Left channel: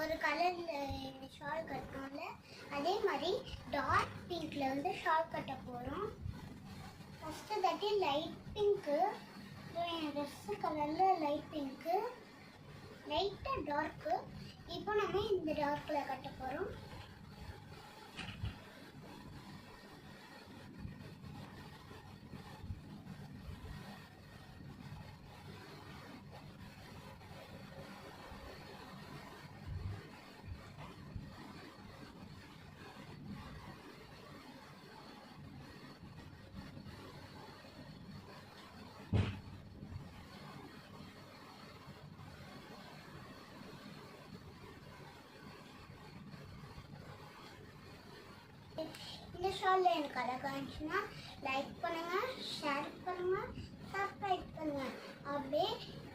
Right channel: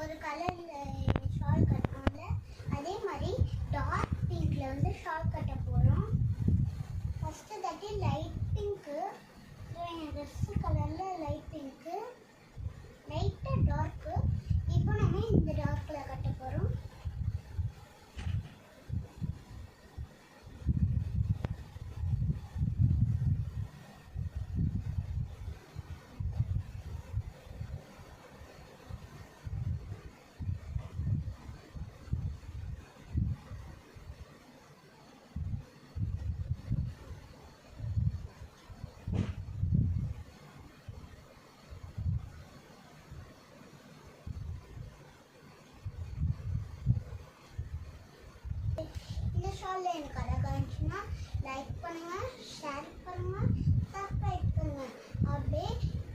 ஒரு கலரில் ஷால் கட்டணும்ல, அதே மாதிரி டார்க் பிங்க்கில் வந்து ஷால் கட்ட போகிறோம். ஃபஸ்ட்டு தட்டி லைட் பிங்க்கு, என் ட்ரெஸ்ஸு கலரில் லைட் பிங்க்கு, லைட்டாக டார்க்கு. இப்போ நம்ம இந்த டார்க்கில் கட்ட போகிறோம். இந்த ஷாலில் எனக்கு அழகாக இருந்துச்சுன்னா லைக் பண்ணுங்கள், ஷேர் பண்ணுங்கள், சப்ஸ்கிரைப் பண்ணுங்கள். அப்படியே